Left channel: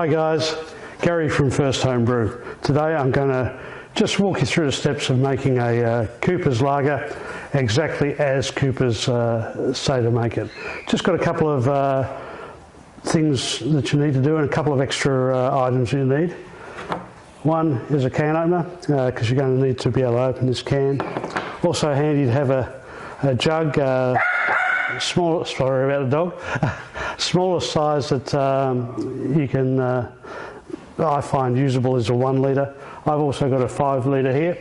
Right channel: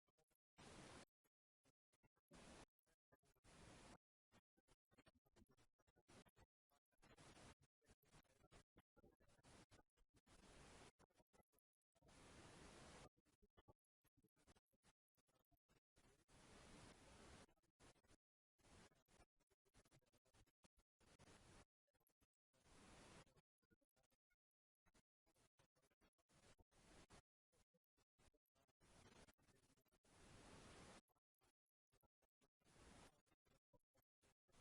Hi guys, Gary from First Home Brew. Today I'm going to just walk you through the steps of making a Cooper's lager exactly as Cooper's say to make it. Just got a couple of things that you need to do and a couple of extra items you need. One is a can opener because you're going to need to be able to open this can. Also handy to have a jug, small, sorry about the dog, smaller size that you can, I find usable is a 1 litre. I've also got a 5 litre here,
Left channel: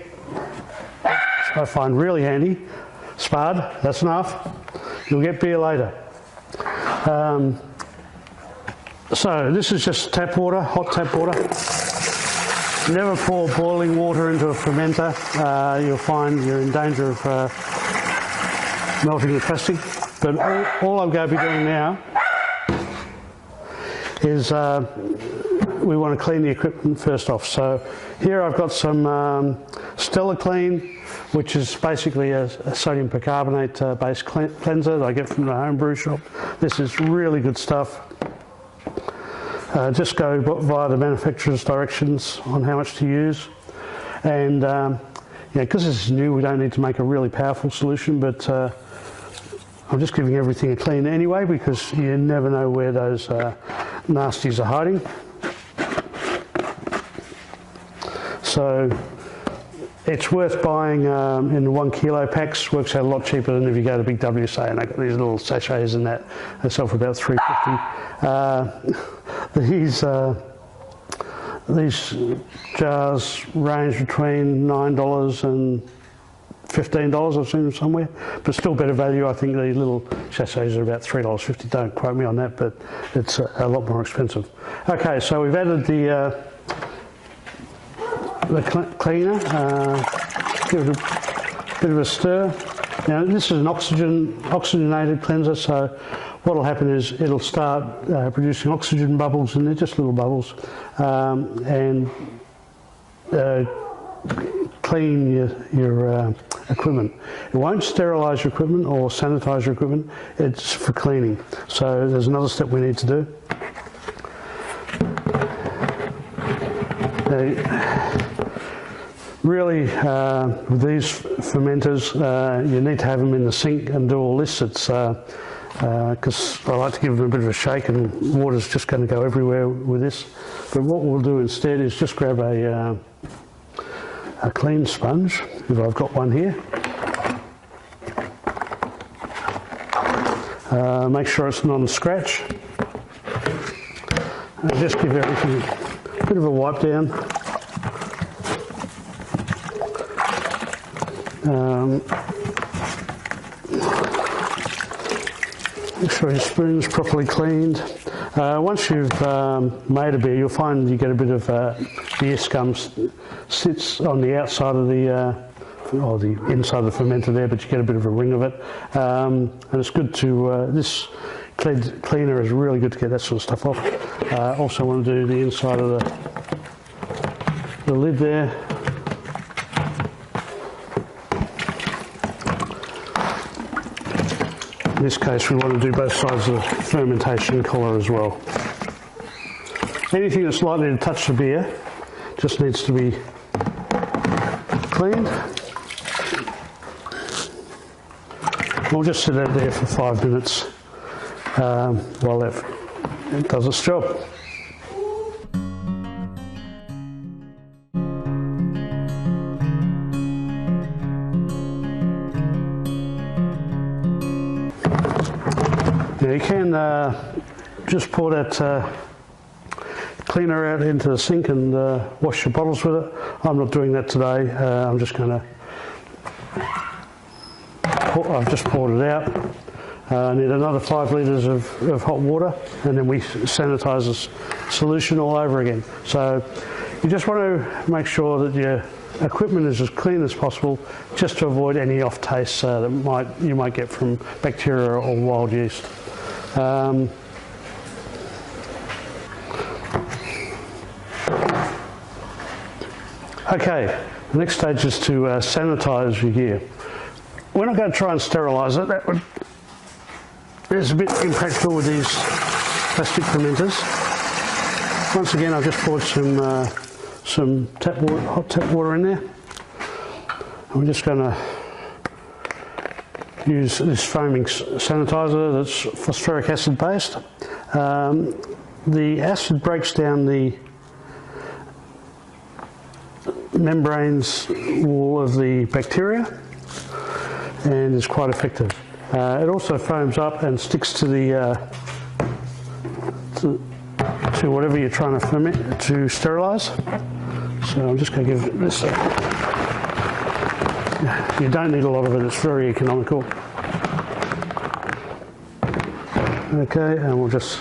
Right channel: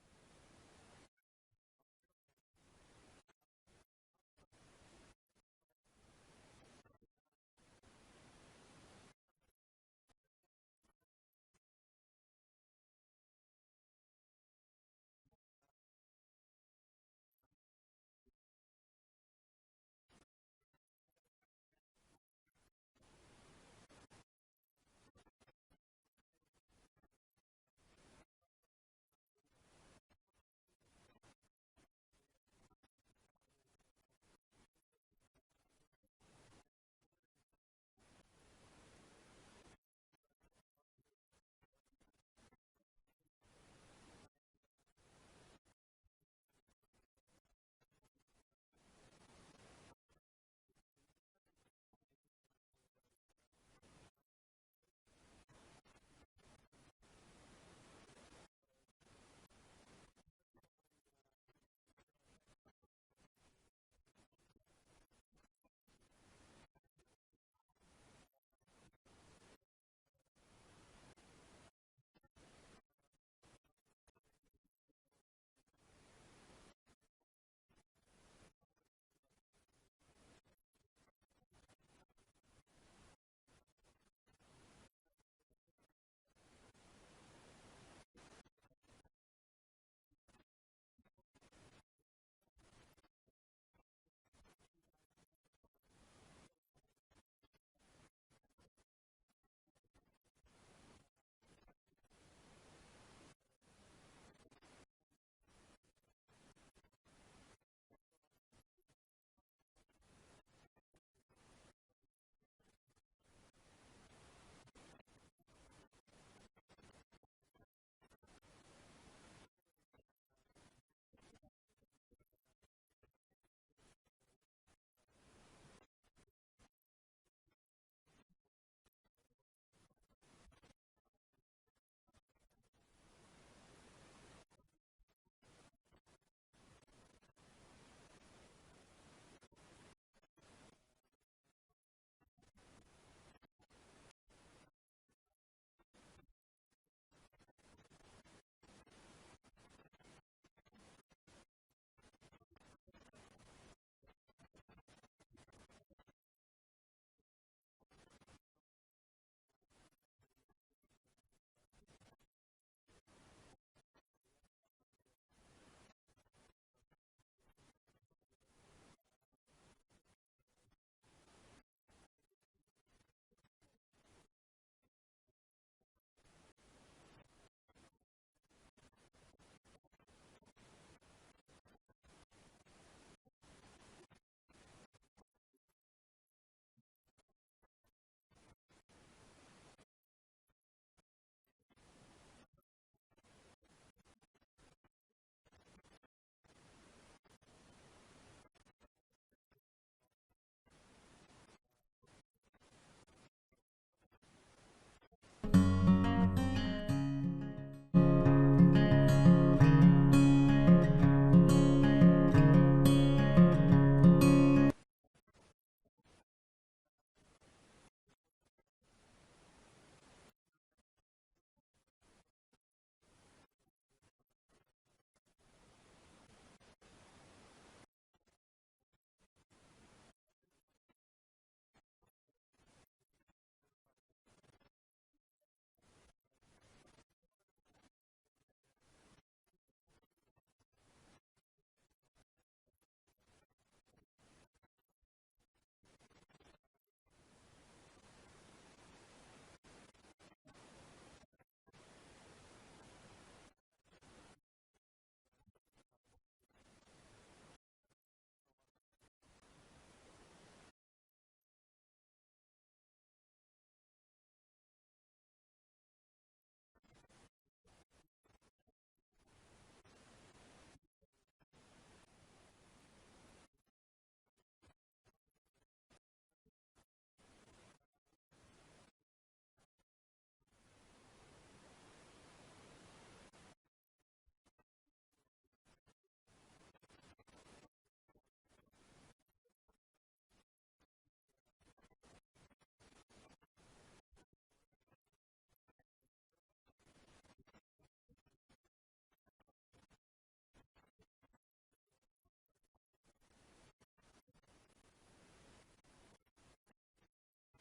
which I find really handy. Spard, that's enough. You'll get beer later. So this is just tap water, hot tap water. Never pour boiling water into a fermenter. You'll find you're in danger of melting the plastic. But all I'm going to be doing now is we want to clean the equipment first off. So here I've got some Stellar Clean, which is basically a sodium percarbonate based cleanser that I get from the home brew shop. This is really good stuff. Just go via the manufacturer's directions on how much to use. And because this is new, we don't need to make a really powerful solution, but I'm just giving everything a clean anyway because you never know where those nasties are hiding. So it's worth buying in the 1 kilo packs. Works out a lot cheaper than if you go to Big WSA, and they've got these little sachets in that. They sell for about $3.50. These jars range between $9 and $15, I've seen them somewhere, but still better value. I think these little sachets are about $3.50. Don't quote me on that, but it's a lot more expensive. Okay, so we've added the cleaner. Give it a bit of a stir. Now this is an oxygenated cleanser, so what will happen is it'll start producing oxygen bubbles, and they're just little bubbles, and clean your equipment. It won't sterilise your equipment or sanitise your equipment. It's for cleaning. So there's another step we need to do. Really, with these fermenters, you need to have them in the sink and do all this. It's because I like to give them a bit of a shake, and water's just going to go everywhere with this. But what we'll do instead is just grab a clean sponge, if I've got one here. Make sure it's non-scratch. And just give everything a bit of a wipe down. Make sure your spoon's properly cleaned. Once you've made a beer, you'll find you get a bit of beer scum sits on the outside of the or the inside of the fermenter there, but you get a bit of a ring of it. And it's good to this cleaner is really good to get that sort of stuff off. Also want to do the inside of the lid there. In this case, we want to do both sides of the fermentation collar as well. Anything that's likely to touch the beer just needs to be cleaned. We'll just sit out there for 5 minutes while it does its job. Now you can just pour that cleaner out into the sink and wash your bottles with it. I'm not doing that today. I'm just going to. I've just poured it out. I need another 5 litres of hot water, and then we sanitise this solution all over again. So you just want to make sure that your equipment is as clean as possible, just to avoid any off tastes that you might get from bacteria or wild yeast. Okay, the next stage is to sanitise your gear. We're not going to try and sterilise it. It's a bit impractical with these plastic fermenters. Once again, I've just poured some hot tap water in there. I'm just going to use this foaming sanitizer that's phosphoric acid based. The acid breaks down the membranes wall of the bacteria and is quite effective. It also foams up and sticks to the to whatever you're trying to ferment to sterilise. So I'm just going to give this you don't need a lot of it, it's very economical. Okay, and we'll just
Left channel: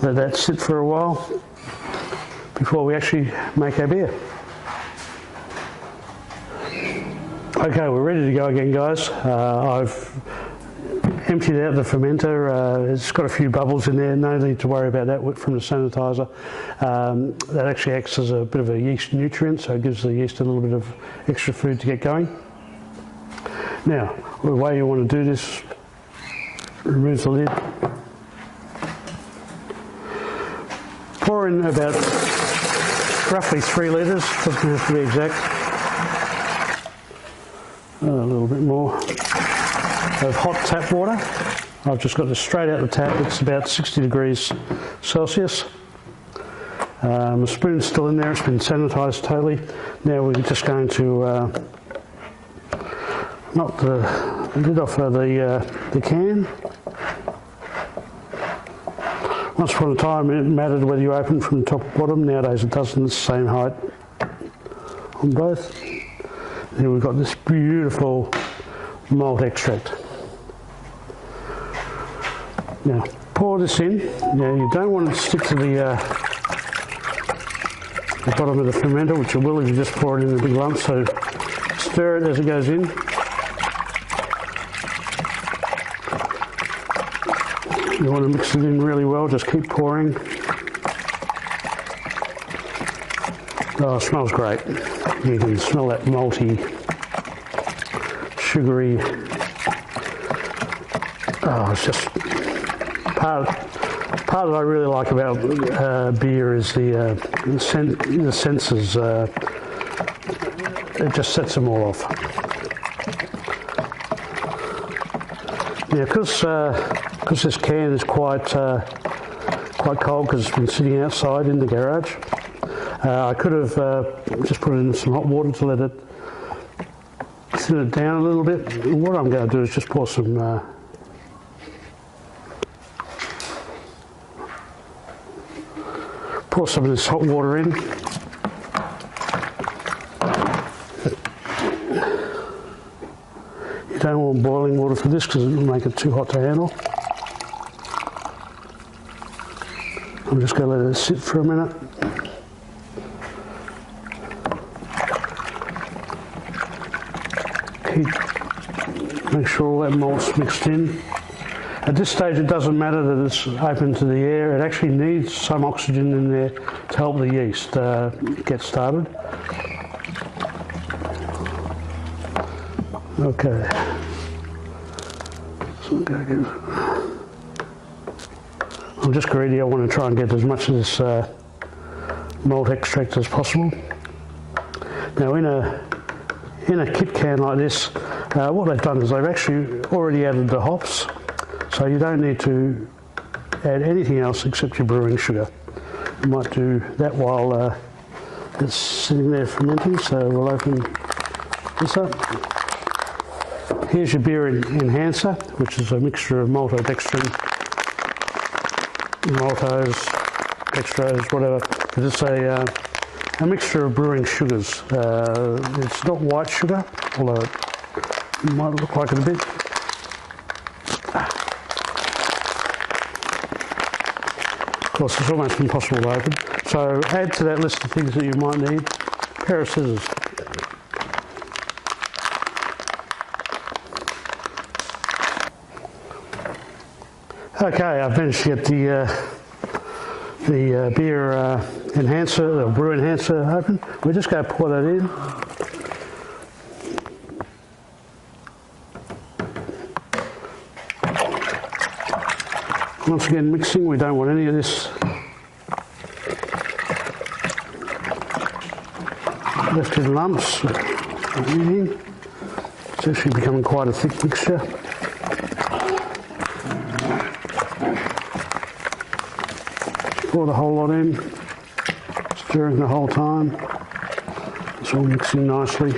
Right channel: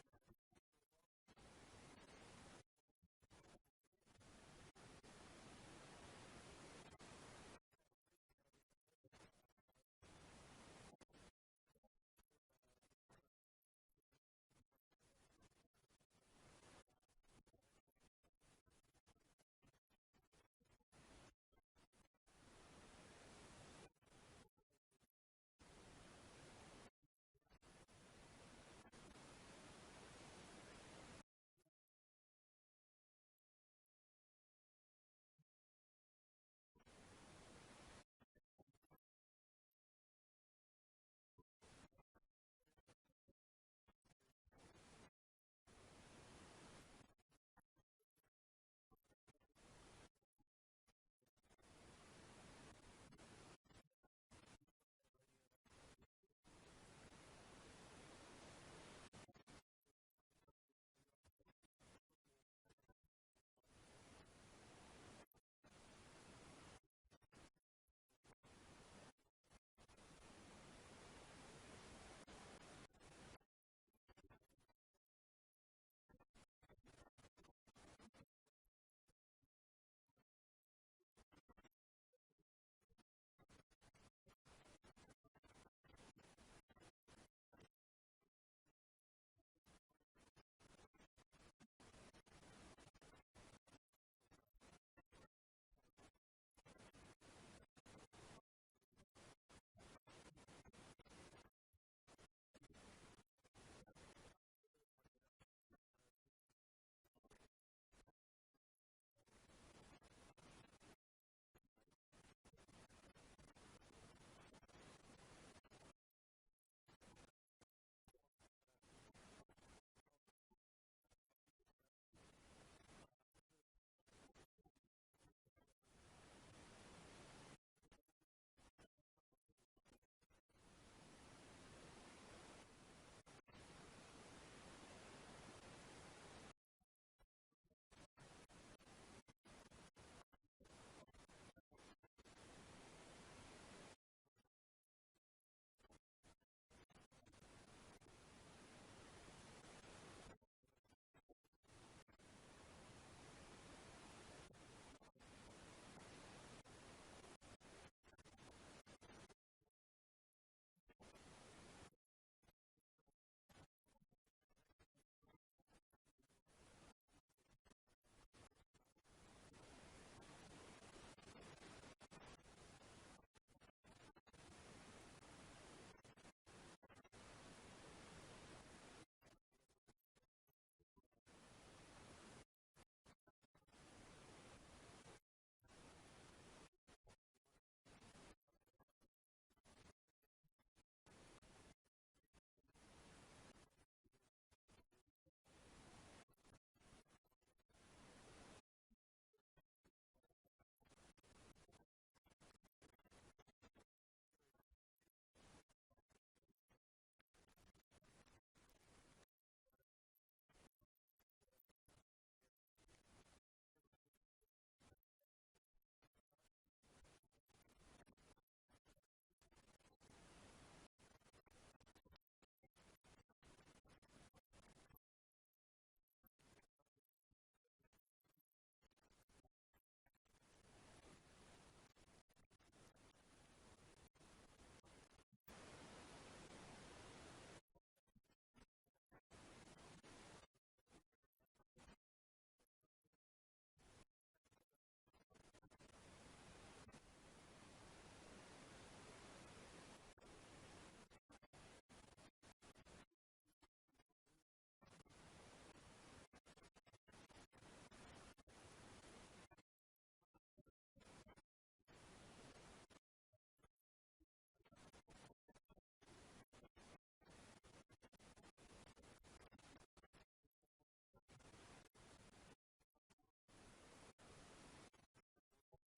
let that sit for a while before we actually make our beer. Okay, we're ready to go again, guys. I've emptied out the fermenter. It's got a few bubbles in there, no need to worry about that from the sanitizer. That actually acts as a bit of a yeast nutrient, so it gives the yeast a little bit of extra food to get going. Now, the way you want to do this, remove the lid. Pour in about roughly 3 litres, doesn't have to be exact. A little bit more of hot tap water. I've just got this straight out the tap. It's about 60 degrees Celsius. The spoon's still in there. It's been sanitised totally. Now we're just going to knock the lid off of the can. Once upon a time it mattered whether you opened from the top or bottom. Nowadays it doesn't. It's the same height on both. Then we've got this beautiful malt extract. Now pour this in. Now you don't want it to stick to the bottom of the fermenter, which it will if you just pour it in a big lump, so stir it as it goes in. You want to mix it in really well, just keep pouring. Oh, it smells great. You can smell that malty, sugary. Oh, it's just part that I really like about beer is the senses. It just sets them all off. Yeah, because this can is quite cold because it's been sitting outside in the garage. I could have just put in some hot water to let it thin it down a little bit. What I'm going to do is just pour some of this hot water in. You don't want boiling water for this because it will make it too hot to handle. I'm just going to let it sit for a minute. Make sure all that malt's mixed in. At this stage it doesn't matter that it's open to the air, it actually needs some oxygen in there to help the yeast get started. Okay. So I'm just greedy, I want to try and get as much of this malt extract as possible. Now in a kit can like this, what they've done is they've actually already added the hops, so you don't need to add anything else except your brewing sugar. You might do that while it's sitting there fermenting, so we'll open this up. Here's your beer enhancer, which is a mixture of maltodextrin, maltose, dextrose, whatever. But it's a mixture of brewing sugars. It's not white sugar, although it might look like it a bit. Of course, it's almost impossible to open. So add to that list of things that you might need a pair of scissors. Okay, I've managed to get the beer enhancer, the brew enhancer open. We're just going to pour that in. Once again mixing, we don't want any of this left in lumps. It's actually becoming quite a thick mixture. Pour the whole lot in, stirring the whole time. It's all mixing nicely.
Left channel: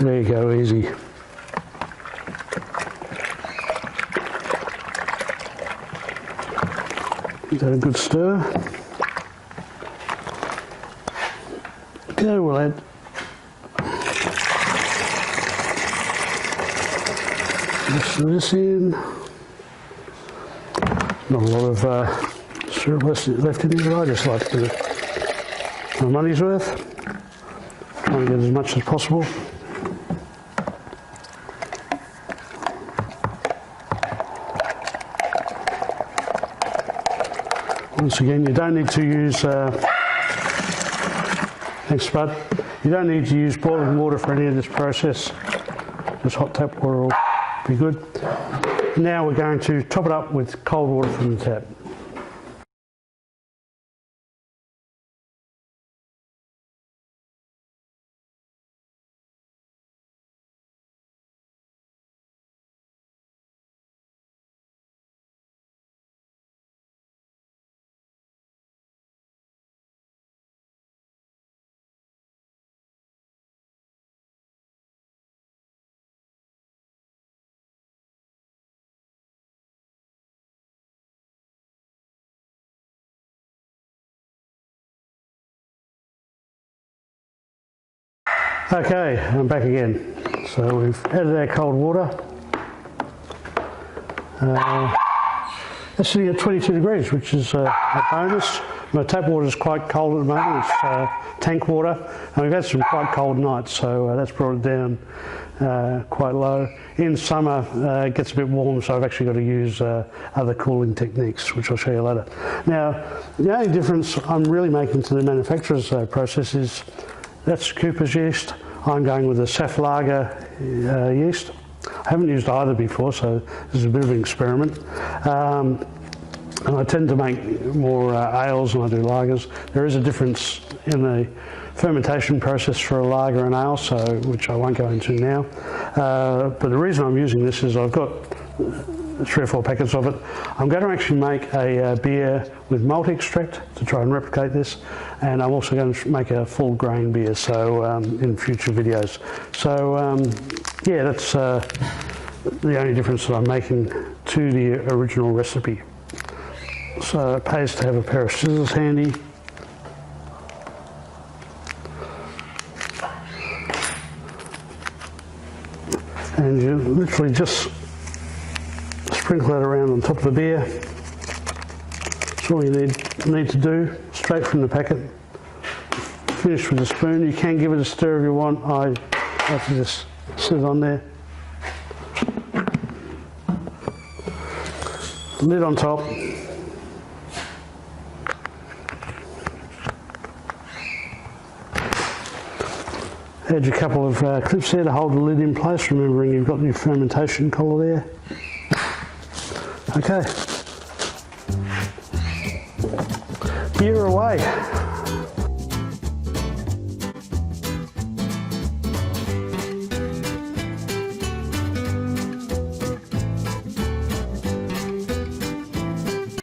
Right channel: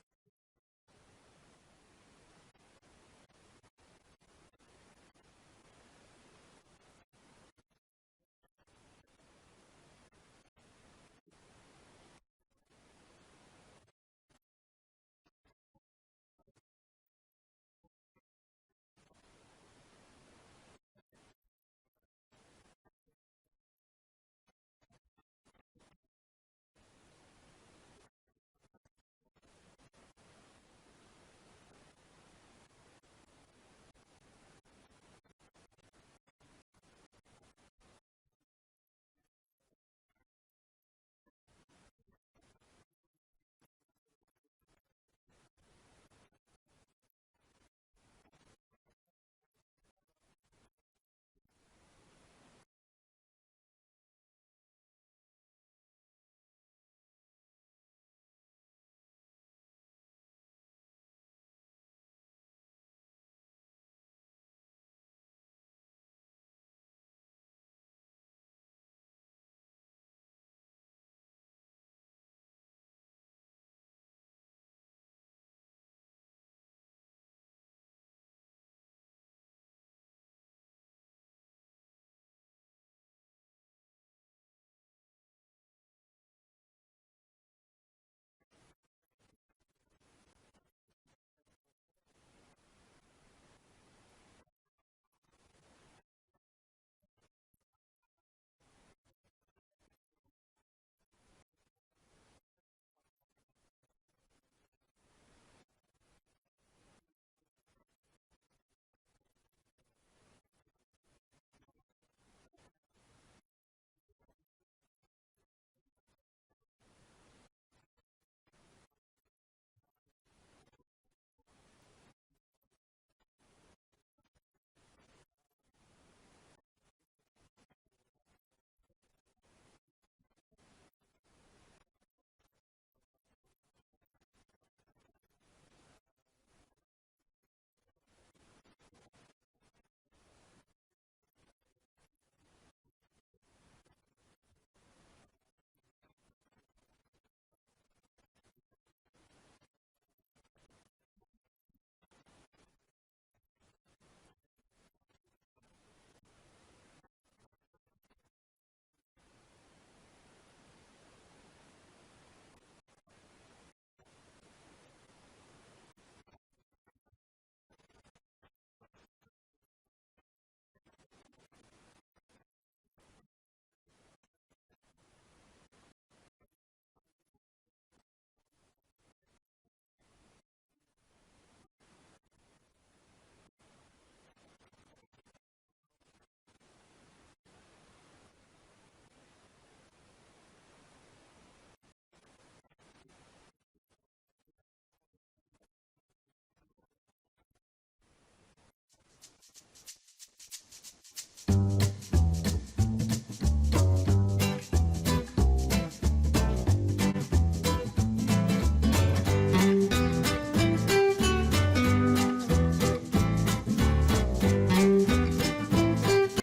There you go, easy. Give that a good stir. Okay, we'll add this in. Not a lot of syrup left in here. I just like to get my money's worth. Try and get as much as possible. Once again, you don't need to use, thanks Spud, you don't need to use boiling water for any of this process. Just hot tap water will be good. Now we're going to top it up with cold water from the tap. Okay, I'm back again. So we've added our cold water. It's sitting at 22 degrees, which is a bonus. My tap water is quite cold at the moment. It's tank water, and we've had some quite cold nights, so that's brought it down quite low. In summer, it gets a bit warm, so I've actually got to use other cooling techniques, which I'll show you later. Now, the only difference I'm really making to the manufacturer's process is that's Cooper's yeast. I'm going with the Saf Lager yeast. I haven't used either before, so this is a bit of an experiment. And I tend to make more ales than I do lagers. There is a difference in the fermentation process for a lager and ale, which I won't go into now. But the reason I'm using this is I've got 3 or 4 packets of it. I'm going to actually make a beer with malt extract to try and replicate this, and I'm also going to make a full grain beer in future videos. So yeah, that's the only difference that I'm making to the original recipe. So it pays to have a pair of scissors handy. And you literally just sprinkle that around on top of the beer. That's all you need to do, straight from the packet. Finish with a spoon. You can give it a stir if you want. I like to just sit it on there. Lid on top. Add your couple of clips there to hold the lid in place, remembering you've got your fermentation collar there. Okay. Beer away.